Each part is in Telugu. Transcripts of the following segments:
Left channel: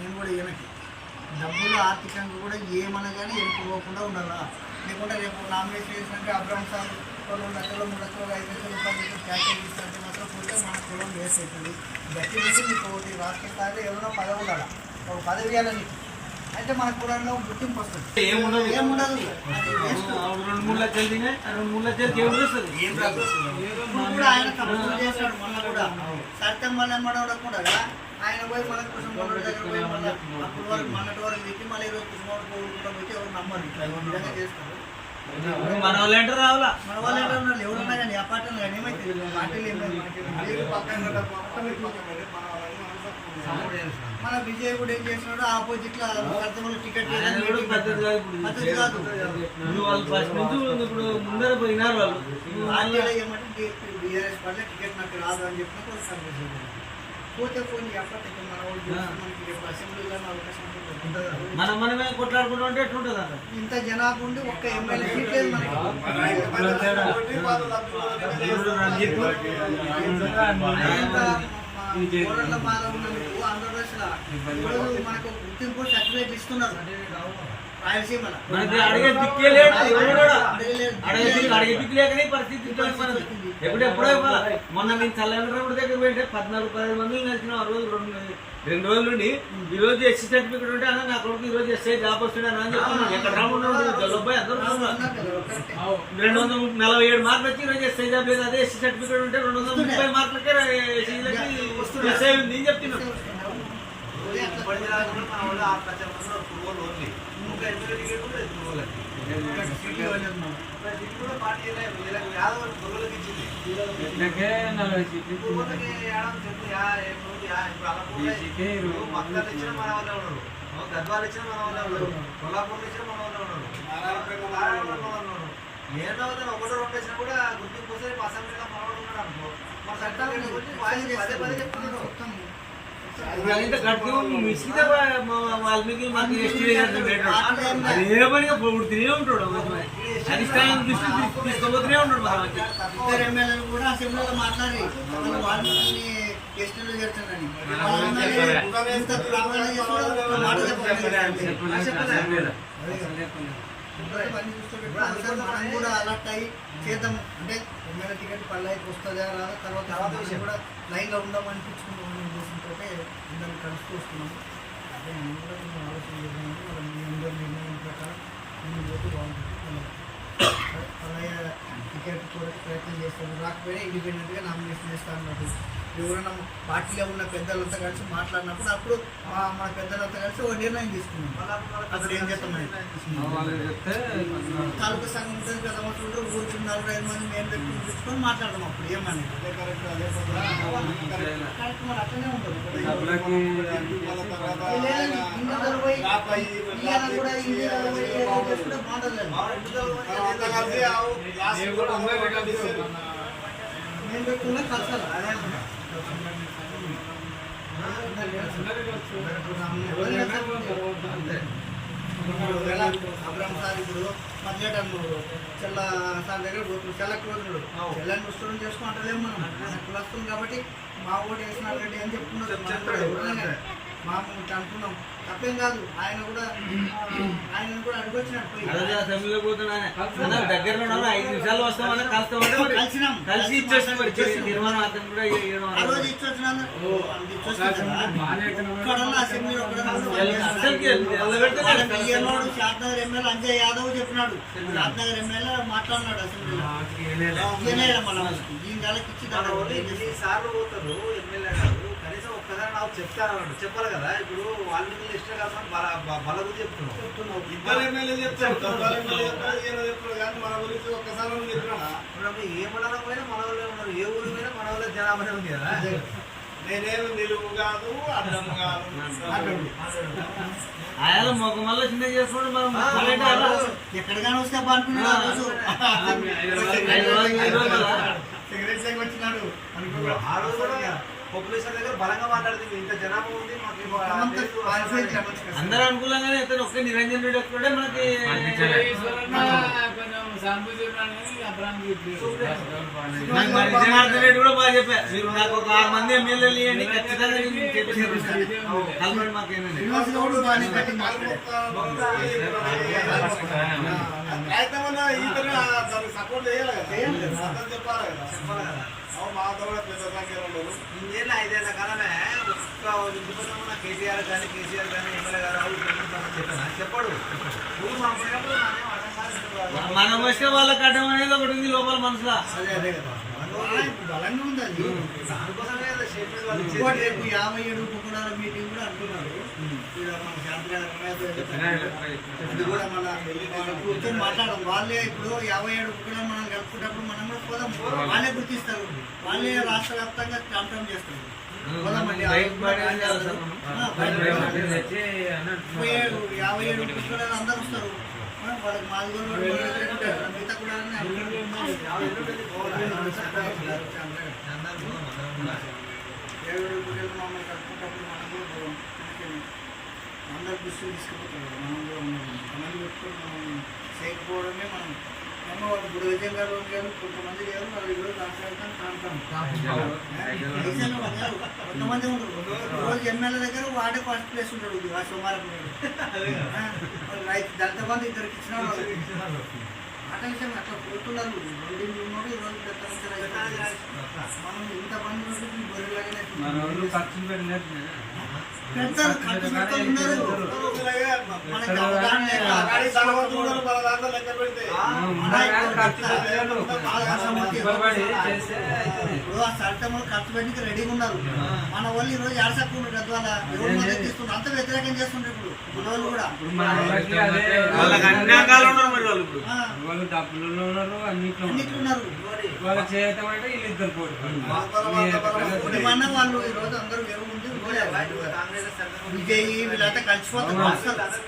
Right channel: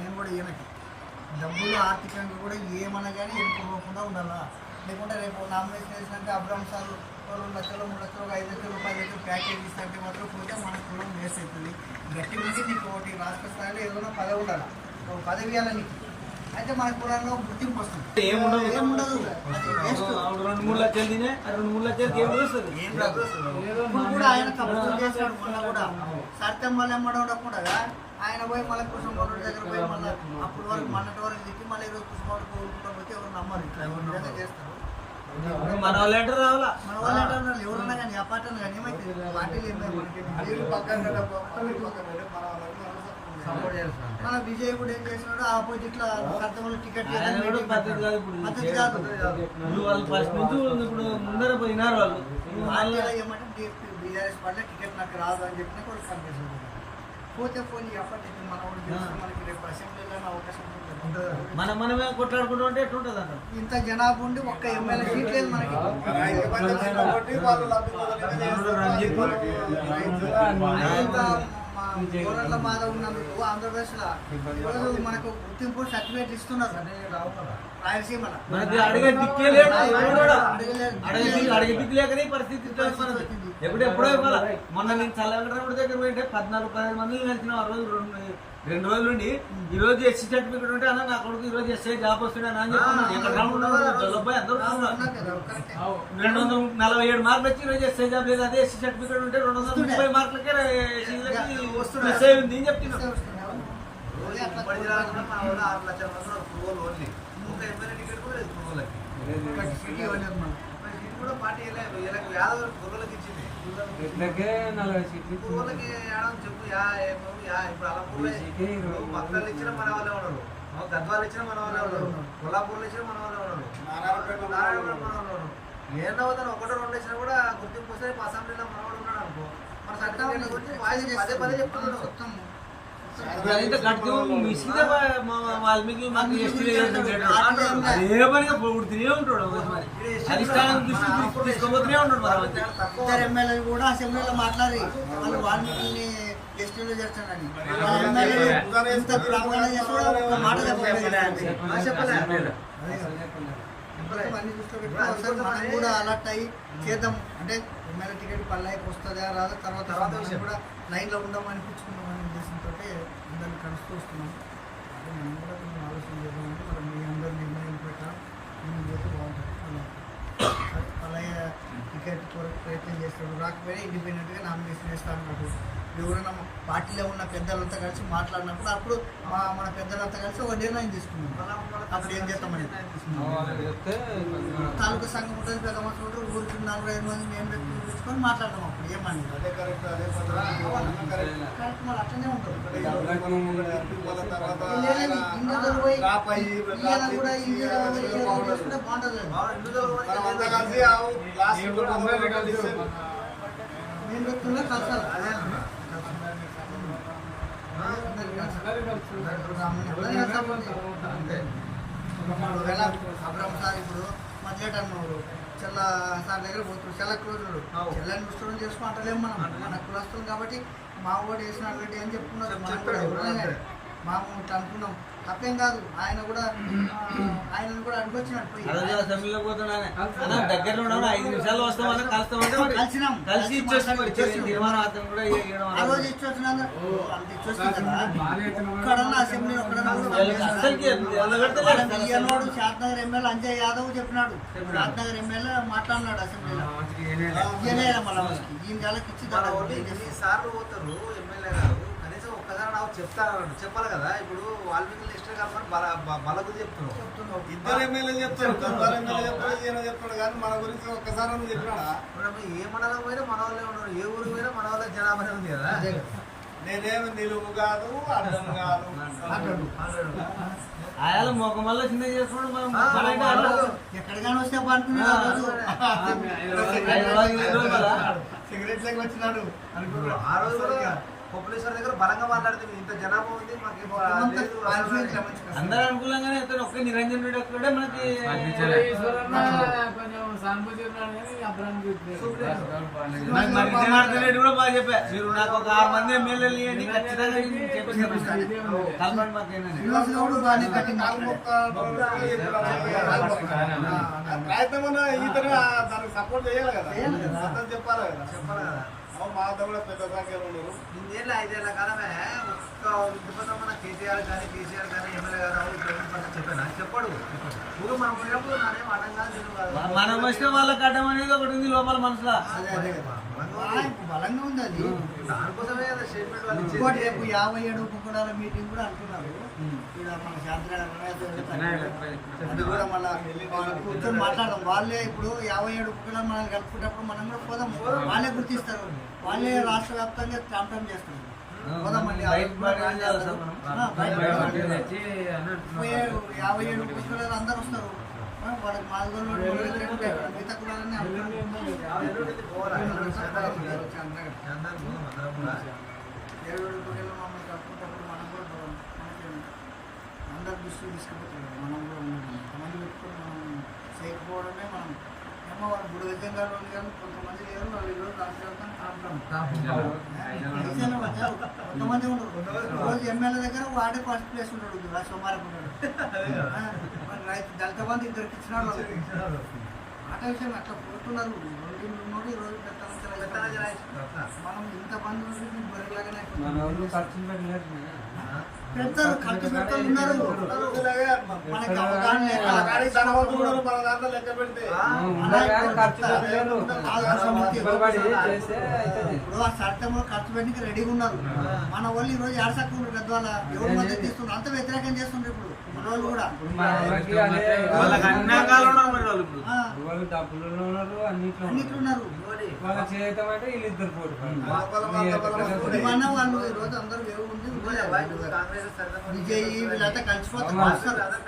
నేను కూడా ఏమిటి డబ్బులు ఆర్థికంగా కూడా ఏమనగానే వెళ్ళిపోకుండా ఉండాలా. లేకుంటే రేపు నామినేషన్ వేసినాక అబ్రాహం సార్ 2 లక్షలు 3 లక్షలు 5 లక్షల రూపాయలు ప్యాకేజ్ ఇస్తుంటే మాత్రం పోతే మన కులం వేస్ట్ అవుతుంది. గట్టి నుంచి మీకు ఒకటి రాష్ట్ర స్థాయిలో ఏదైనా పదవి ఉండాలి, ఒక పదవి ఇవ్వాలని అయితే మన కులంలో గుర్తింపు వస్తుంది. ఏముండదు 2-3 లక్షలు తినే 2-3 లక్షలు కూడా ఆయన తప్పులు చేశాడు. మొన్న కూడా సత్యం వల్ల ఎమ్మడకుండా ఆయన పోయి మళ్ళీ కృష్ణమోహన్ దగ్గర పోయి మళ్ళీ అప్పుడు వాళ్ళు మొన్నటి వరకు దిగి మళ్ళీ ఈరోజు కృష్ణమోహన్ కోరుకుంటా పోతే ఎవరు నమ్మరు. ఇట్లా విధంగా చేస్తారు. మన వాళ్ళు ఏంటారు రావాలా, మన వాళ్ళు ఏంటారు ఎవరున్నా కానీ ఆ పార్టీలు కానీ ఏమైతే పార్టీలు ఏమైనా మన విజయ్ కూడా ఏం చేస్తున్నాడు ఆపోజిట్ లో టికెట్ ముందర పోయినారు వాళ్ళు. ఏమంటే బీఆర్ఎస్ పార్టీ టికెట్ నాకు రాదు అని చెప్పిన పోతే పోనీ అప్పటి మన వాళ్ళు మనకి రేపు అసెంబ్లీలో అవకాశం మనమే కొట్లాడుకుంటూ ఉంటే ఎట్లుంటుంది అంట. ఇంత జనాభా ఉండి ఒక్క ఎమ్మెల్యే సీట్ లేదు మనకి. కోరట్ల మాధవ్ ఉన్నందుకు ఆంధ్రప్రదేశ్ లో ఈరోజు మనకు గుర్తింపు సర్టిఫికేట్ ఇస్తున్నారు రాయలసీమలో. ఎప్పుడెప్పుడో మొన్న నేను చల్లగడ్డ దగ్గర పోయింటే 14-15 మంది కలిసిన ఆ రోజు 2 రోజుల నుండి ఈ రోజు ఎస్సీ సర్టిఫికేట్ ఉంటే అన్న నా కొడుకు ఈ రోజు ఎస్ఐ జాబ్ వస్తున్నాను అని చెప్పి ఎక్కడ రామున్నారు 247 మార్కులు వచ్చి ఈ రోజు ఎస్ఐ జాబ్ లేదు. అదే ఎస్సీ సర్టిఫికేట్ ఉంటే 230 మార్కులకే ఎస్ఐ ఉంది అని చెప్తున్నాను. గద్వాలు ఇచ్చిన మన వాళ్ళే ఉన్నారు, కొల్లాపూర్లు ఇచ్చిన మన వాళ్ళే ఉన్నారు, ఏదవుతాను 1-2 ఇచ్చినా కూడా గుర్తింపు వస్తే అసెంబ్లీలో మనవాడు ఉన్నాడు అనుకో మన సర్టిఫికేట్ గురించి పదే చెప్తున్నాడు. వాల్మీకి ఎమ్మెల్యేలు కూడా అసెంబ్లీలో మాట్లాడి వాల్మీకి ఎస్టీలో చేస్తానని మాట చెప్పలేదు. మనం కూడా అలర్ట్ అయ్యి చేద్దాం అంటే ఎమ్మెల్యే టికెట్ పల్లెకి వస్తుందా రాదా తర్వాత విషయం కూడా లైన్లో ఉందాం అనిపించుకుందామనే ఉద్దేశంతో అందరినీ కలుస్తూ వస్తున్నాం. అదే మనం కూడా కొంచెం ఆలోచన చేద్దామంటే మనం మీ అందరి నిర్ణయం ప్రకారం ముందు పోతే బాగుంటుంది. అలాగే టికెట్ కొరకు ప్రయత్నం చేస్తాడు, రాకపోయినా ఇండిపెండెంట్గా నామినేషన్ వేస్తాం అన్నట్టు. ఎవరైనా పార్టీలో ఉన్న పెద్దలంతా కలిసి మాట్లాడినప్పుడు అప్పుడు మన పెద్దలంతా కలిసి ఒక నిర్ణయం తీసుకున్నాం. అప్పుడు ఏం చేస్తామని తాలూకా సంఘం ఉంటుంది, పెద్ద మనుషులు ఉంటారు, ఊరికి 4-5 మంది మేము పెట్టుకుని కూర్చుకొని మాట్లాడతాం. అప్పుడు ఏమని కరెక్ట్ మరి అట్లనే ఉంటుంది. బాగుంటుంది. నేను పెట్టుకున్నా కలసాలి అదే అబ్రాహం సార్ ఇప్పుడు మధ్యట అన్నాడు చెల్ల సార్ దగ్గర పోతున్నాడు, చెల్ల క్లోజుడు చెల్లని ముస్టూడెంట్ చేసుకుంటలేము మనం మన కులస్తులు కాబట్టి మా ఓటు వేసిన రెడ్డి అని చెప్పుకున్నారు. మాకు అనుకున్నాం తప్పేం కాదు. ఆయన కూడా ఆయనను కూడా అడిగొచ్చినట్టు కలిసినాం, కలిసి ఆ రోజు ఇచ్చొచ్చినాను అసెంబ్లీ షాద్నగర్ ఎమ్మెల్యే అంజయ్ యాదవ్ చెప్పినాడు. షాద్నగర్ ఎమ్మెల్యే మాట్లాడినాడు అసెంబ్లీలో. దీని నెలకి ఇచ్చి సార్లు పోతారు ఎమ్మెల్యే గారు కనీసం ఒక్కదాని నాకు చెప్తాను చెప్పాలి కదా. ఇప్పుడు వాల్మీకి లిస్ట్ కలపని బలగు చెప్తున్నావు. ఇద్దరు ఎమ్మెల్యే చెప్తారు కానీ మన గురించి ఒక్కసారి చెప్పినా ఏ మండలం పోయినా మన వాళ్ళే ఉన్నారు, ఏ ఊరికి పోయినా మన వాళ్ళ జనాభానే ఉంది కదా. నేనేమి నిలువు కాదు అడ్డం కాదు. ఆయన మొక్క మళ్ళీ చిన్న చేసుకోవడం ఎక్కడికైనా వస్తే అనుకున్నాడు సిగరెట్ వచ్చినాడు ఆ రోజు కూడా పాపులేషన్ దగ్గర బలంగా మాట్లాడుతుంది. ఇంత జనాభా ఉంది మాకు లేదు అసలు అని. అందరూ అనుకూలంగానే ఇతను ఒక్క నిరంజన్ రెడ్డి ఒక్కడే మనకి నాకు మరి జనార్దన్ రెడ్డి కూడా బాగా చెప్పా, మీరు నాకు ఒక 6 మంది ఎమ్మెల్యేలు ఇవ్వండి ఖచ్చితంగా కలపండి మాకేనండి. శ్రీనివాస్ గౌడ్ బాగానే కట్టింది. ప్రయత్నం ఈతను దానికి సపోర్ట్ చేయాలి కదా, చేయాలి కదా. అతను చెప్పాలి కదా. చెప్పాలి కదా. మా కూడా పెద్ద సంఖ్యలో ఉన్నారు. 5 ఏళ్ల కాలమే ఒక్క ఇంటిపోతాం మన కేసీఆర్ కానీ ఎమ్మెల్యే గారు చెప్పాను చెప్పాడు. ఇప్పుడు మనం పోయినప్పుడు నానేం అర్థం కాదు. మనం వస్తే వాళ్ళకి అడ్డం అనేది ఒకటి ఉంది లోపల మనసులో. అదే కదా. బలంగా ఉంది అది. దానికోసమే కదా స్టేట్మెంట్ వాళ్ళు ఇంకోటి ఇచ్చేది. రేపు 57 ఉపకులాల మీటింగ్ కూడా అనుకున్నారు. ఇక్కడ మన అది కూడా మన కూర్చొని మాట్లాడడం. వాళ్ళే ఇప్పుడు 57 ఉపకులాలు మనం కలుపుకున్నప్పుడు మనం కూడా పోదాం. వాళ్ళే గుర్తిస్తారు, వాళ్ళే రాష్ట్ర వ్యాప్తంగా క్యాంపెయిన్ చేస్తారు. పోదామండి 57 ఉపకులాలు అందరూ వస్తారు. వాళ్ళకి మాదిగోళ్ళు మిగతా కూడా మమ్మల్ని కట్టుకుంటప్పుడు మనం కూడా పోదాం. అందరు దృష్టిని తీసుకుపోతాం. మనం కూడా ఉన్నాం. కొంతమంది పెట్టుకుని మనం చేయకపోవడమే మనం ఏమో వాళ్ళు గుడి విజయం గారు కానీ కొంతమంది లేరు. వాళ్ళు ఈరోజు కొంతమంది ఉండరు. రోజు ఎమ్మెల్యే దగ్గర వాడే ఫస్ట్ ప్లేస్ ఉంటాడు. సోమారపుడు రైతు దళిత బంధు ఇద్దరికి ఇచ్చినాడు. ఆట విషయం అట్లా పోతున్నారు. బొల్డీలు ఉన్నాడు ఈరోజు పెద్ద మనం ఇంత మంది ఉంటే బొరిలాగానే పెడతారు. ఖర్చు పెడతా ఉన్నారు. మనకి అవగాహన లేక మన దాంట్లో లెక్క పెడితే ఇప్పుడు ఆ చట్టంలో ఖర్చు పెట్టి రెడీగా ఉన్నారు. మన వాళ్ళు ఈ రోజు ఏడసక్కుంటారు. గద్వాల ఎవరు మద్దతు ఇస్తున్నారు, అంత వ్యతిరేకం చేస్తుండ్రు. ఇప్పుడు వాళ్ళు కూడా వాళ్ళకి అన్ని అంగాలు ఉన్నారు మరి వాళ్ళు ఇప్పుడు. అన్నిట్లు ఉన్నారు. మన వాళ్ళు ఈ రోజు అందరూ ఎవరు ముందు విజయ్ వీళ్ళంతా కలిసిపోతారు.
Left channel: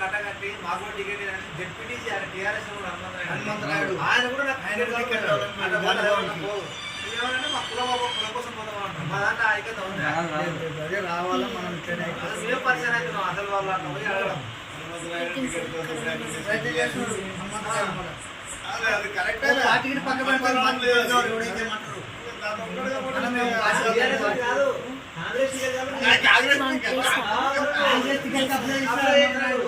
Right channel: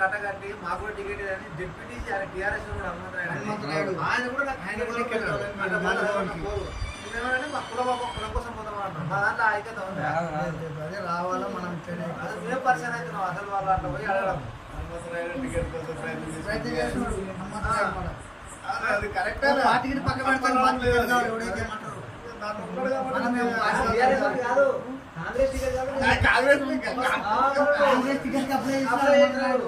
కట్టగట్టి మాకు కూడా టికెట్ జెడ్పీటీసీ టీఆర్ఎస్ కూడా హనుమంతరాయుడు ఆయన కూడా నాకు టికెట్ మా కులం కోసం పోతాం. మా దాంట్లో ఐక్యత ఉంది. అదే రావాలి మనం ఇక్కడే మేము పరిచయం అవుతున్నాం. అసలు వాళ్ళు అట్లా పోయి అడగడం ప్రయత్నం చేస్తున్నారు. హనుమంతరాయుడు కూడా. అది కరెక్ట్ పార్టీని పక్క పెడతారు. ఎవడైతే ఏమంటారు కాంగ్రెస్ టికెట్ కాదు. కాంగ్రెస్ కాంగ్రెస్ టికెట్ అప్లై చేస్తారు.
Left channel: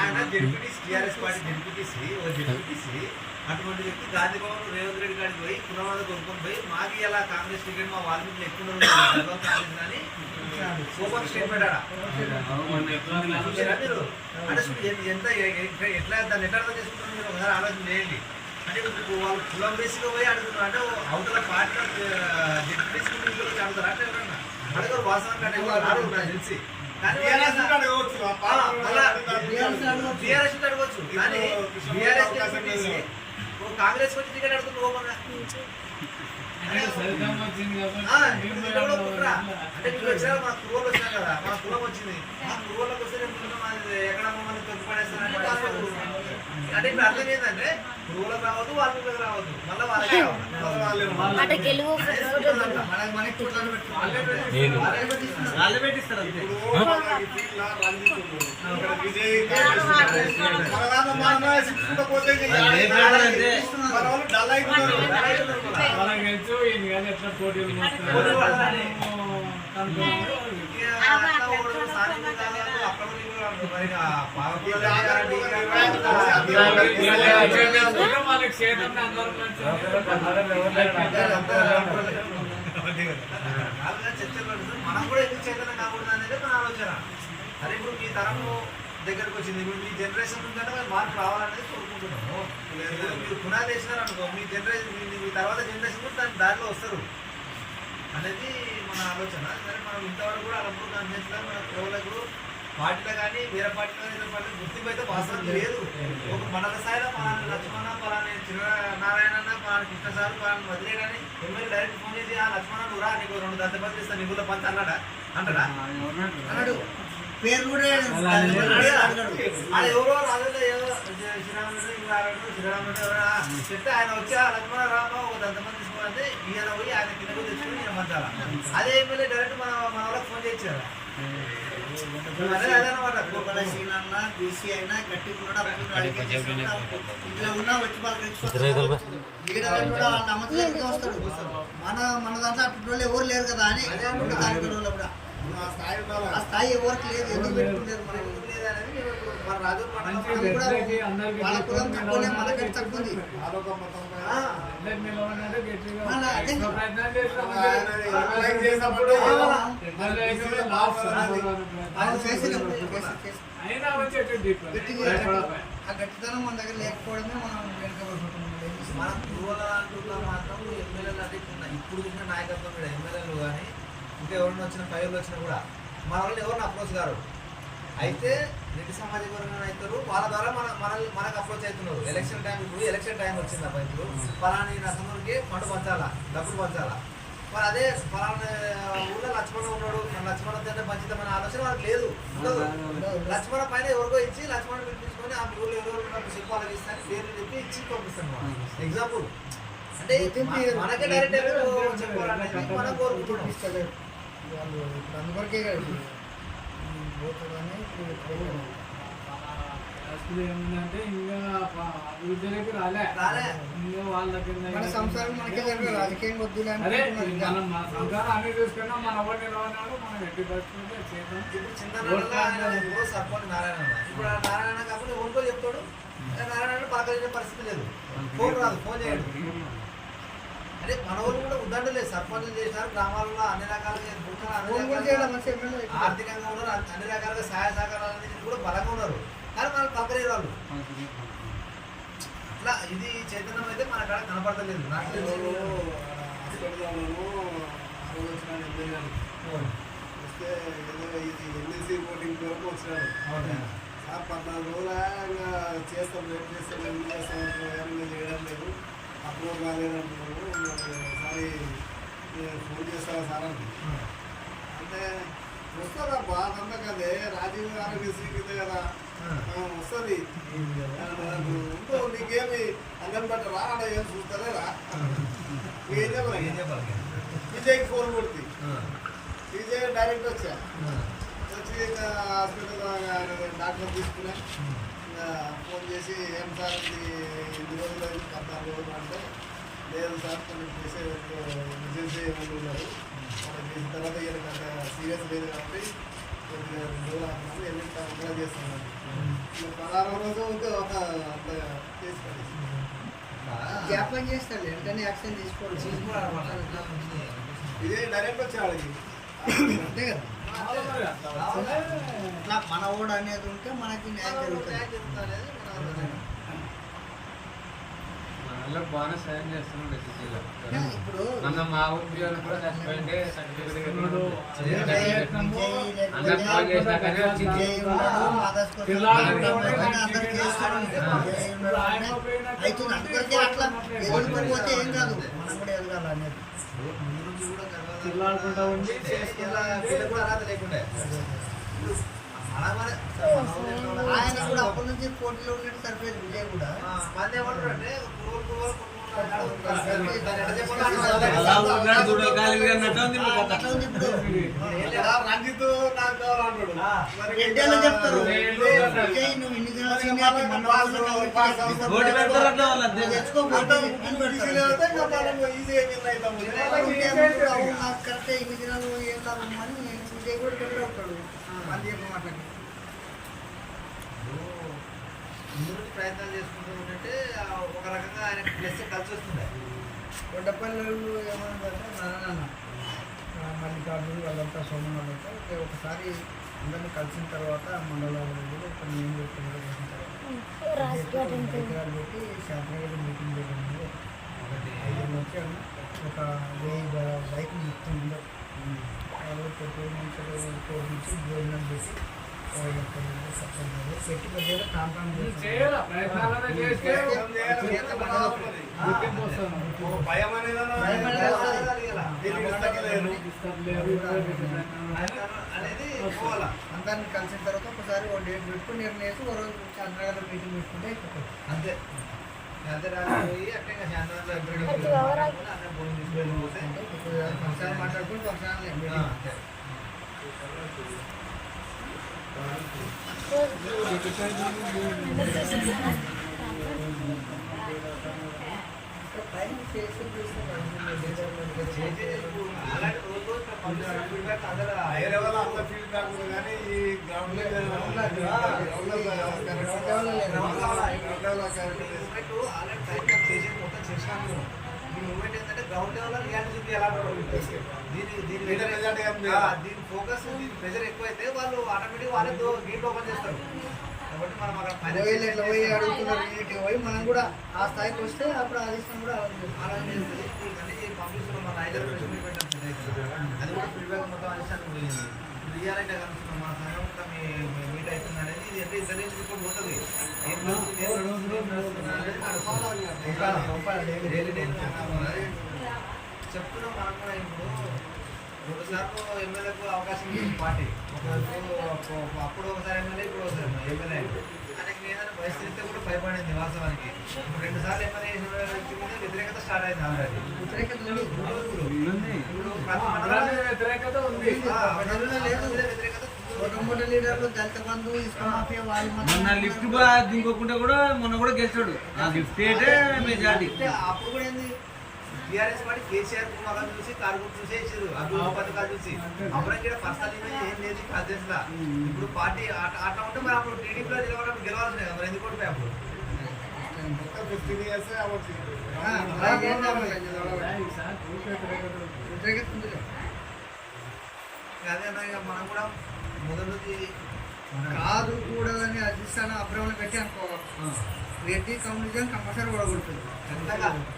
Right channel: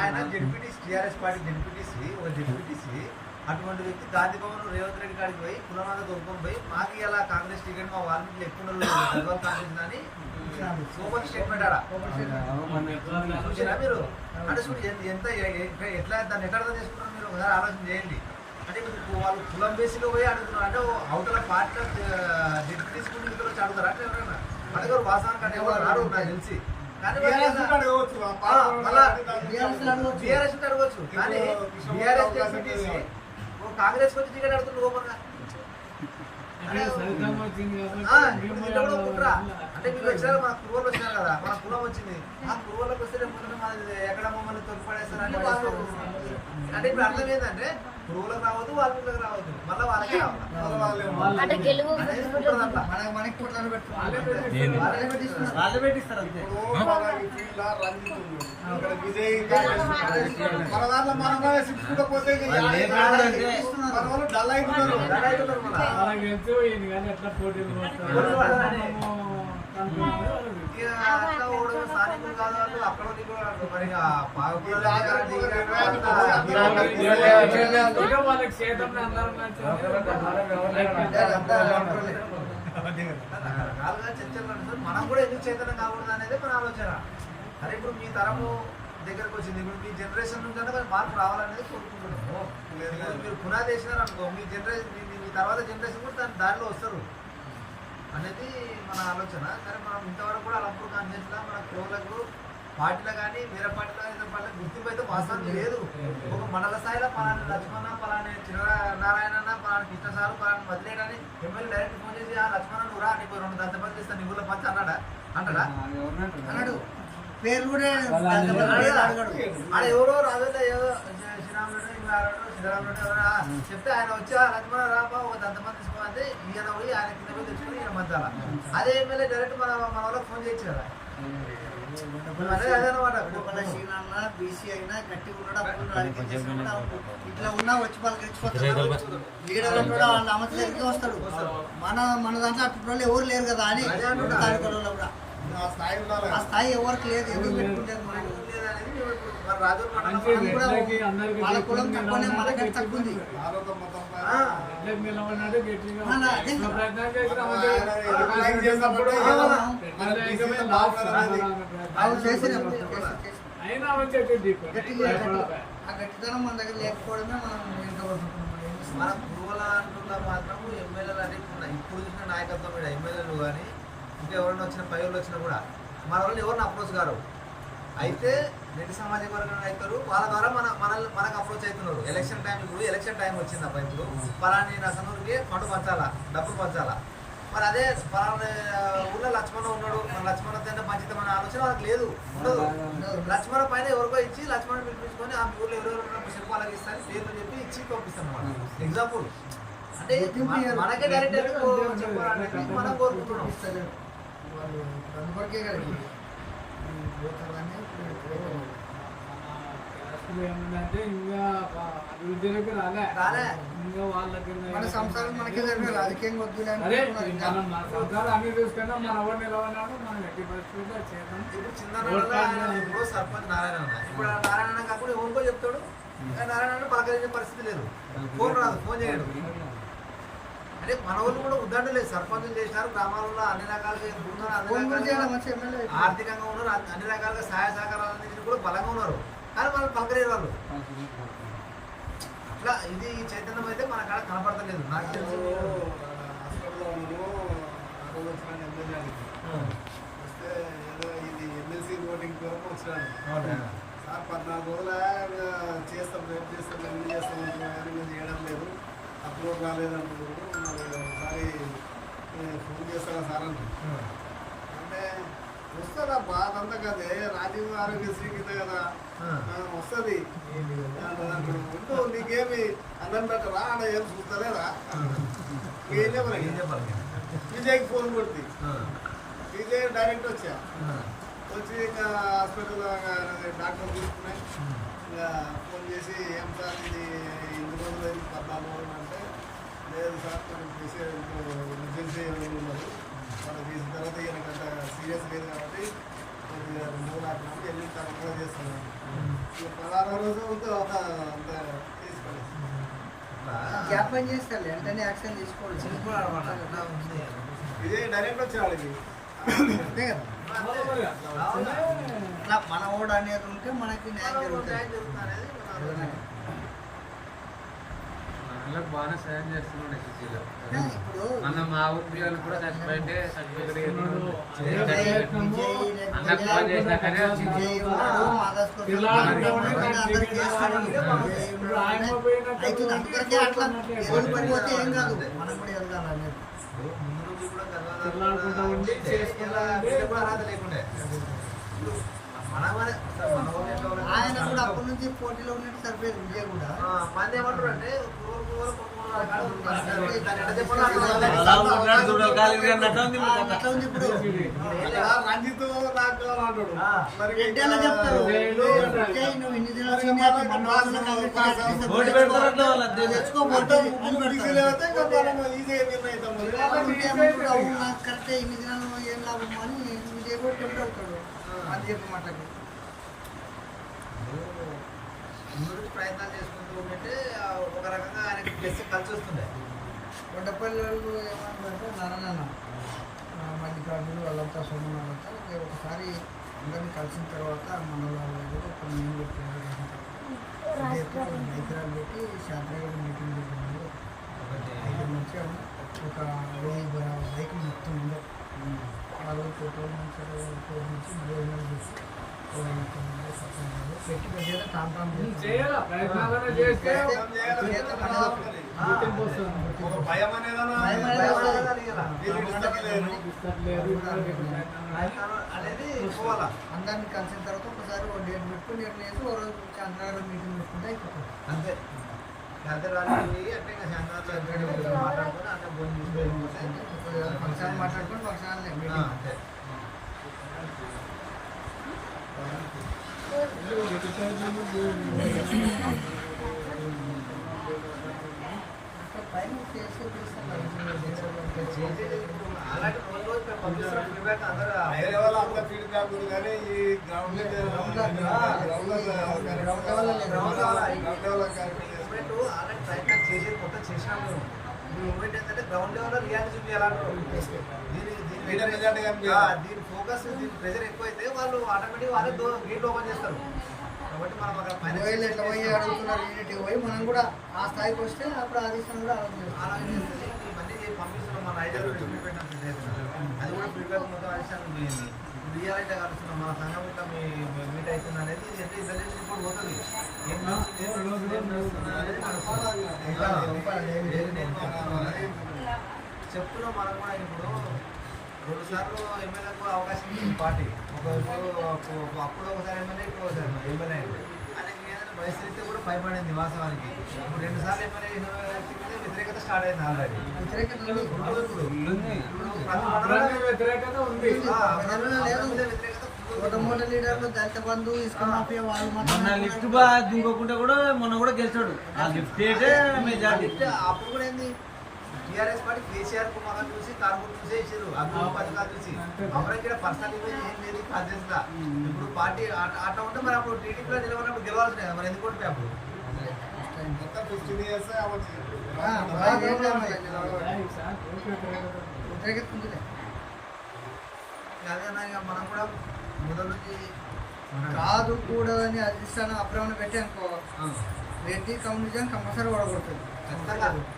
ఆయన జెడ్పీటీసీ టీఆర్ఎస్ పార్టీ జెడ్పీటీసీ అటువంటి వ్యక్తి గాంధీ భవన్ రేవంత్ రెడ్డి కాడికి పోయి కులమాద కొనుక్కొని పోయి మాకు ఇలా కాంగ్రెస్ టికెట్ మా వాల్మీకి ఎక్కువ కాంగ్రెస్ అని ఓపెన్ స్టేట్మెంట్ ఆడ చూసారా మీరు? అంటే ఎంత ఎట్లా దాన్ని ఎట్లా అర్థం చేసుకున్నారు మీరు ఒకసారి ఆలోచన చేయండి. అంటే ఇప్పుడు వాళ్ళు కులం బేసిక్గా పోయి అడుగుతున్నారు. అంటే అవతల పార్టీ జెడ్పీటీసీ వచ్చి అడుగుతారు. అంటే ఎవరన్నా అడగరు. వాస్తవానికి అంటే ఎవరు రారు నాకు తెలిసి. కానీ టీఆర్ఎస్ అడగవచ్చు. కానీ టీఆర్ఎస్ కాంగ్రెస్ వచ్చి టికెట్ అడుగుతున్నారు ఓపెన్ గా. అంటే మీరు వచ్చారు, మన కురువులు వచ్చినారు కదా, మన కులం వచ్చింది. ఆ కురువులకు వస్తే ఎక్కడ మమ్మల్ని తొక్కిపడేస్తారంటే అంటే ఇప్పుడు అర్థం ఏంటంటే కురువులకు రావద్దు, వాళ్ళకి రావద్దు, మళ్ళీ వాళ్ళకే వాళ్ళే పెట్టిస్తారు అంతే. డల్ అయిపోతారు. మనం కూడా ఎందుకు చైతన్యం కాకూడదు అనేది మన ఆలోచన. అదే ఇప్పుడు మీ తరము దగ్గరకు వచ్చింది, ఇప్పుడు మీ జనరేషన్ నుంచి మార్పు రావాలనేది కోరుకుంటున్నాము. మీరు పునాది వేసినారు అనుకో, మీ జనరేషన్ మీ తర్వాత జనరేషన్ కూడా దానిలో వస్తారు అనేది మన ఆలోచన. సరే మనం ఇంతవరకు కూడా అలంపూర్ కాన్ఫరెన్స్లో మన కులవులకు పార్టీలో కానీ వేరే పార్టీలో కానీ ఇతర పార్టీలో గుర్తింపు అయితే వాస్తవం లేదు. ఒక మండల స్థాయిలో పలానా లక్ష్మణ, పలానా చిన్ననారాయణ, పలానా కృష్ణ సార్, పలానా మధురేడ్ అని ఎమ్మెల్యే డైరెక్ట్ ఫోన్ చేసి ఆ లక్ష్మణ నువ్వు రా, నీకు 2 దంతపత్రులు ఇస్తాను, నీకు పంచ అన్నాడా? అంటాడా? అన్నాడు. పేరు కూడా అది ఎవరో రాజులో ఏదో శ్రీరాముడు శ్రీరాముడు చెప్తే ఆయన వచ్చి లక్ష్మణ రామ ఒక దంతమంది తీసుకోవాలంటే ఈయన పోయి ఆయన కింద పోయి తెచ్చుకొని ఈయన మంచాల అదే ఎమ్మెల్యే డైరెక్ట్ మన వాళ్ళకి ఫోన్ చేయించారా అదే అదనమాట సీనన్నా బీసీ అయినా గట్టిగా ఉన్నాడు ఇట్లా ఉన్నా వచ్చి వాళ్ళకి లీడర్ అని కూడా వాళ్ళ అమ్మతి దగ్గరికి వస్తాడు మన దాంట్లో అటువంటి వాళ్ళు ఎవరు లేరు కదా అని తాలూకాలో కూడా ఆ స్థాయి ఎవరికి లేదు ఎందుకు పెట్టుకుంటారు మనం మన రాజు మనం కూడా వాళ్ళ కులం తక్కువనే మనకంటే తక్కువ ఉంది ఆ గట్టితనం మన దగ్గర లేకపోవడమే మనం వెనుకబడుతుంటున్నాం మన గురువుల అంటున్నా మాత్రం ఎమ్మెల్యేలు అంటే ఇప్పుడు చూసిన నాయకత్వం మీద ఎమ్మెల్యేలు కానీ ఇంకా ఎవరైనా వచ్చిన పైర్లు వచ్చినా కూడా మన వాళ్ళు ఎవరిని అప్రోచ్ గారు అయితే రెడ్డి సమాజం వర్గం అవుతారు వాళ్ళ ద్వారా మనకు అప్రోచ్ అవుతున్నారు ఎలక్షన్ టైం ఇప్పుడు ఎలక్షన్ టైం వచ్చింది అబ్బా ఇప్పుడు పలాని నసనూరుకి పండు పంచాలా డబ్బులు పంచాలా మరి అదే పలానా ఊళ్ళో లక్ష్మణ ఉన్నాడు మన లక్ష్మణ తింటే పంచుతామనే ఆలోచన వాళ్ళకి లేదు ఉండదు లక్ష్మణ పైన ఎవరికో ఇచ్చి లక్ష్మణ పిలిపించుకొని ఆ ఊళ్ళో ఎవరెవరు ఉన్నప్పుడు చెప్పు వాళ్ళకి ఇస్తాను పేర్లు చెప్పి ఇచ్చి పంపిస్తాను మనం ఎగ్జాంపుల్ అంటే మనకే డైరెక్ట్ చెప్పాలనేది మనం కోరుకుంటున్నాం వాళ్ళు ఇప్పుడు అందువరకే కదా పోతుందని ఏముందంటే ఇంకా అభివృద్ధిలోకి రాలే ఇంకా వాళ్ళకి మన సంసారం మనకే జరిగే రాజకీయంగా వద్దులే అరే మనం మన సంసారం అన్ని చూసుకున్నా మన ఊరు నిలవన్నాడు మనం ఎట్టి పరిస్థితుల్లో చేద్దాం ఇప్పుడు చిన్న ఇప్పుడు సర్పంచ్ నారాయణ ఉన్నా ఇప్పుడు ఆ నారాయణ కాకుండా ఎవరికో చెప్తాడు నారాయణ పలకరించే పరిస్థితి లేదు ఫోన్ రాదు ఫోన్ చేయడు అంటే మన ఊళ్ళు కూడా ఉద్దండలేదు సర్పంచులు చేసినారు గ్రామాలలో అన్ని రకాలుగా ఆర్థికంగా ఉన్నారు అన్ని రకాలుగా సహాయ సహకారాలు అందించి కూడా బలంగా ఉన్నారు కానీ మనం పలకరేరు వాళ్ళు అట్లా ఇది చైతన్యం అయితే మన కాడ కనపడతలేదు నాకు తెలిసి వస్తే ఏదో ఇది ఎమ్మెల్సీ ఓటింగ్ కొరకు వచ్చినాడు సార్ 14 రోజులు చేస్తాం రేపు చేస్తాం ఎందుకు చేస్తాం కానీ మేము చేయడం లేదు అప్రూవ్ రాలేదంటున్నారు ఒకసారి ఫోన్ చేస్తాను సార్ అంటే వస్తుందబ్బా అదంతా కదే రాజీవ్ ఆరోగ్యశ్రీ కింద కదా వస్తుంది ఉండు నీకేమి అన్నం పెట్టరా ఆడ ఏం చూస్తలేరా ఏం చెప్పాలి విజయ్కి ఫోన్ కొడుతుంది విజయ్ డైరెక్ట్ వచ్చా వచ్చి ఇంకా హాస్పిటల్ డాక్టర్ తీసుకున్నాయి ఇంకా ఫోన్ చేసి ఏం సార్ ఇది 8 రోజులు అయింది 14 రోజులు అంటే లేదు సార్ కొంచెం చేసే ఎమర్జెన్సీ ఎవరు ఉన్నారు వాళ్ళు చేసిన తర్వాత ఈయనకి అంత సీరియస్ లేదు కాబట్టి కొద్దిగా 2 రోజులు ఆపినాము వెళ్ళి తప్పకుండా చేస్తున్నాను ఇంకా 16 రోజులు అంత చేసి పడేసి జ్ఞాపకం చేస్తాడు వెంటనే యాక్షన్ తీసుకోవాలి ఇదే డైరెక్ట్ వచ్చాడికి అంతే కదా మన ఓడ అనేది ఉంటే మనకి న్యాయం జరుగుతుంది అనేది వాళ్ళకి బాగానే సాయం చేస్తున్నాడు సిటీలో ఇప్పుడు మన మా ఊరి కూడా చచ్చిపోయింటే అందుకొరకే అట్లా ఎదురు పడిపోతే ఏం కాదు మనం కూడా ఎదగాలి అనేది ఆయన కూడా అప్పటి నుంచి పోటీలో ఉన్నట్టు సరిపోయేది విజయ్ కూడా మంది ఏమంటారు అంటే ఇప్పుడు రంజిత్ నాకు కావాలంటాడు ఎడ్డేలా చెప్తారు నువ్వు ఇన్ని దినాలు నాకు కరెక్టే ఇన్ని దినాలు ఏం లాభం అని విజయ్ కూడా టెంప్ట్ అవుతాడు మంది చెప్పి మాటకి ముందు ప్రయత్నాలు చేసుకుంటూ ఉంటే ఒక రకంగా ఆయనకి ప్లస్ కలిసి వస్తుండే కొండపల్లి ఏమన్నారంటే నారాయణ మల్లికార్జునుడు వాళ్ళంతా సోమన్ వాళ్ళంతా ఒకసారి అందరినీ కలిసిన తర్వాత మండలంలో ఒక మీటింగ్ చేసిన తర్వాత ఎకరాలు పెట్టి శాంతినగర్ మీటింగ్ పెట్టింది ఒకటి 5 వచ్చాము ఒక 1000 బైకులు మొత్తం ఉండవు వాళ్ళు పెట్రోల్ నుంచి భోజనం చేసి పెట్టి పెద్ద టామ్ చేయాలి ప్రయత్నాలనే చేస్తే ఒక భయం అనేది అనేది పోవాలా. అందరిని కలిసిన తర్వాత ఒకసారి ఓ డేట్ పెట్టుకుని నిర్ణయించి ఓ రోజు చంద్రగారు మీటింగ్ పెట్టుకుంటే అయిపోతుంది. అంతే అంతే రాలి పోయి అంటే ఇంకా శాంతిలో మాట్లాడుకొని అన్నీ భోజనం తీసుకు వెళ్ళిపోతే ఫంక్షన్ మాట్లాడుకుని ఫంక్షన్ అంతే. పైన చేసి అలాంటి రోజు రోజు పంపిస్తున్న ఫీడ్బ్యాక్ అందరూ వేరే వాళ్ళ అంత ఫీడ్బ్యాక్ ఉంది కానీ ఈ గ్రౌండ్ మూమెంట్ ఆల్రెడీ ప్రయత్నం చేసేది మొత్తం చేసినాం మేము. ఇప్పుడు మూమెంట్ ఏంటంటే గ్రౌండ్ లెవెల్లో రియాలిటీ చూపించాలంటారు. దీని ఫోకస్ దీని ప్రెజర్ ఎక్కువైతే వాళ్ళు ఆటోమేటిక్ వాళ్ళే గేట్లు ఓపెన్ చేస్తారు. కాబట్టి మనం అక్కడ ఎట్లా పోయి అడుగుతున్నారు యూనిటీ పోయి మనం కూడా ఆ స్థాయికి వస్తే అప్పుడు ఆ దేశం కూడా ఆలోచన చేస్తుంది. ఇవన్నీ పంపిస్తున్నాం మన ఐదు ప్రెస్ మీట్ పెట్టాం పెద్ద ఎత్తున. అది కూడా ఫీడ్బ్యాక్ మొత్తం అధిష్టానం పోయింది. ఇప్పుడు రియాలిటీ కలుస్తున్నాం మన సంఘం ఇట్లా మీట్ అవుతుంది అనేది ఇది అంటే ఇంటెలిజెన్స్ రిపోర్ట్ పోతుంది. ఏం నడుస్తుంది అనేది చెప్తున్నాం. మనం కూడా ఇప్పుడు 2 సార్లు ఎమ్మెల్యేకు అవకాశం ఇచ్చింది పార్టీ. అప్పుడు ఒకసారి ఎమ్మెల్యే, ఇప్పుడు ఒకసారి ఎమ్మెల్యే. ఆయనకి ఏదైనా పరిస్థితి కూడా భయపడింది వాస్తవానికి. ఇప్పుడు 2 సార్లు ఎమ్మెల్యే చేసిన వ్యక్తి మీద వ్యతిరేకత స్టార్ట్ అయింది ఆల్రెడీ. వ్యతిరేకత ఇప్పుడు ప్రతి మండలంలో వ్యతిరేకత ఉంది. వ్యతిరేకత మోట లీడర్లు దళిత బంధు ఇసుక మాఫియా వాళ్ళు మొన్న లిఫ్ట్ దిగకుండా కూడా మొన్న కూడా గెలిచాడు. ఆ లిఫ్ట్ అయితే మెజారిటీ. అప్పుడు కూడా ఏంది టీఆర్ఎస్ పార్టీ కేసీఆర్ కుమార్ చూసి కార్మికులు చూసే ఇచ్చారు. అభివృద్ధి పథకాలు చూసి అప్పటికి పర్సనల్ ఇమేజ్ ఏం లేదు కాదేశంలో. ఇప్పుడు పార్టీ ఆట ఉంటే మరి అప్పుడు టీడీపీలో నిలబడినప్పుడు గెలవాల్సిందే కదా. మరి ఎందుకు కొట్టిపోయి అప్పుడు మొత్తం 15 years అవ్వచ్చు. వ్యతిరేకత ఉందిలే. అదే అన్నా ఇక మనం కూడా మొదటి నుంచి కాదు కూడదని అధిష్టానం అభ్రమణ పెట్టి అనుకో రెడ్డి కమ్యూనిజం కంపల్సరీ ఓడగొడుతుంది.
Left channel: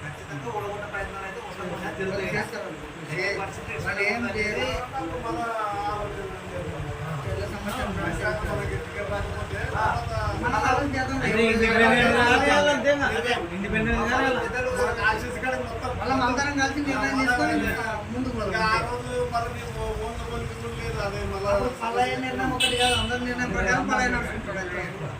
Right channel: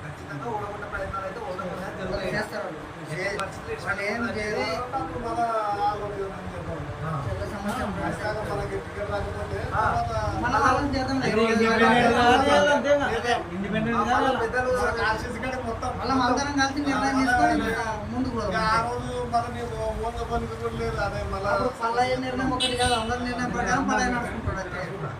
ఖచ్చితంగా ఓడగొట్టే ప్రయత్నాలు అయితే ఉండకుండా జరుగుతాయి. చేస్తారు ఏ పరిస్థితి వాళ్ళు ఏం చేయరు. అప్పుడు మన ఆలోచన చేద్దాం. తెల్ల సమస్య ఖచ్చితంగా మనకి టికెట్ రాకపోతే మన వాళ్ళని చేద్దాం. పెద్దలు మనకి ఆశీస్ కాడికి మొత్తం మళ్ళీ అందరం కలిసి నిర్ణయం తీసుకొని ముందుకు ఇంకా ఆ పోదాం. రోజు మళ్ళీ నీవు ఓన్గా పలుకుతుంది లేదు. అదే అప్పుడు మళ్ళీ పల్లయ్య నిర్ణయం ఒకటి కాదు, అందరి నిర్ణయం ప్రకారం పల్లయ్య నడుచుకుంటాడు.